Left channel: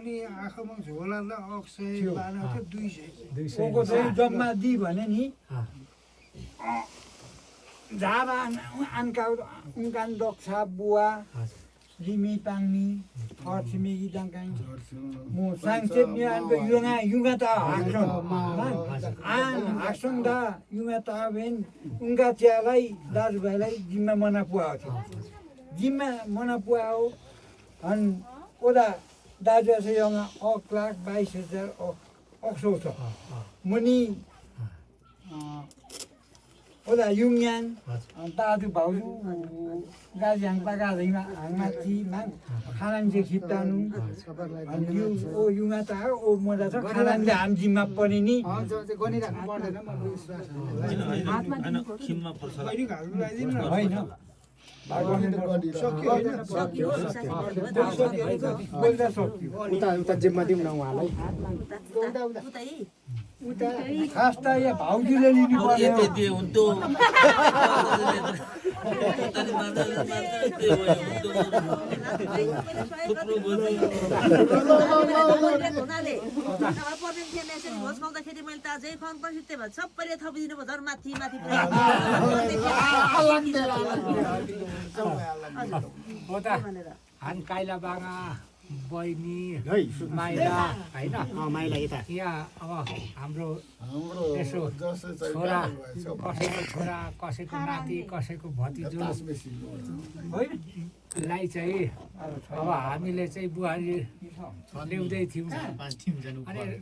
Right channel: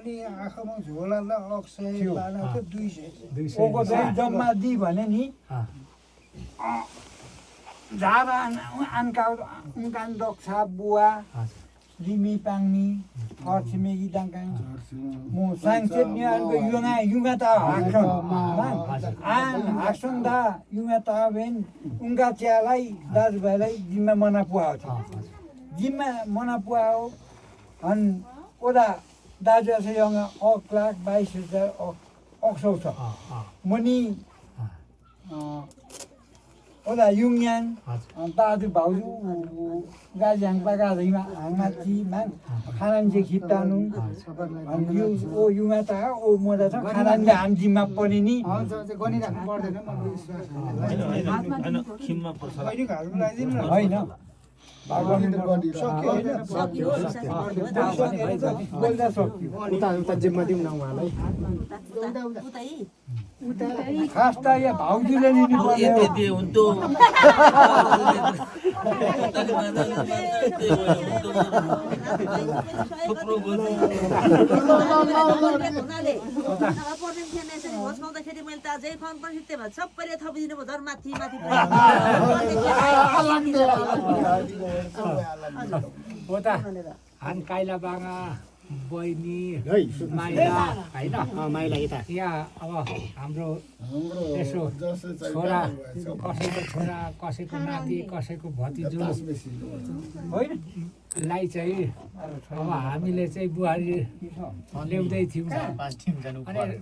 अनि आँखामा झोला ल अक्षय लाना थियो 200 ओको चाहिँ जम्मा दि भने नि झारा आनका उनकान दक्षा बुवा लिमी पाङ्मी फर्सिमेगी दाङकाङ मो सांसेत नि आनको युगा ता हाक्छन् हाक्छन् दा युगा ता भेन उनका च्यालाई दाजुभाइलाई जिम्मा मना पुआओ छ जिम्मा मना पुआओ अन ओदा दाजु चाहिँ यङा 1,22,000 अक्सौ छ मनी ओदा युङयान दाजु भाउजू गाजी हाङपा गाजीमा हाङमा जीमा खानान जे खिप्तानु अनि यो ओ युमा ता ओ मोदा छ खानान जे हाम जिम्मा पनि नि गनि राख्नु पर्दैन मलाई विश्वास हैन खिममा पर्छ होइन घाल्नु लाइदिनु न होइन उता जिम्मा दिउँ न उहाँलाई खास त यहाँ भाउजूले लिनु पर्यो यति हुन्थ्यो खोज्काउँदाखेरि मैले त अझै फर्म पनि त्यही भएर सबैले थपिदिनु भयो झन् माथि माथि हो त हान काइला बाङा बहिनी माइला होइन माइला यता यहाँ अब हाम्रो यसो छोरा कसैको छोरा कसैको नाति कसैको भतिजो होइन लाई चाहिँ अब हामीले चाहिँ बुहारी ल्याउँदै थियौँ अनि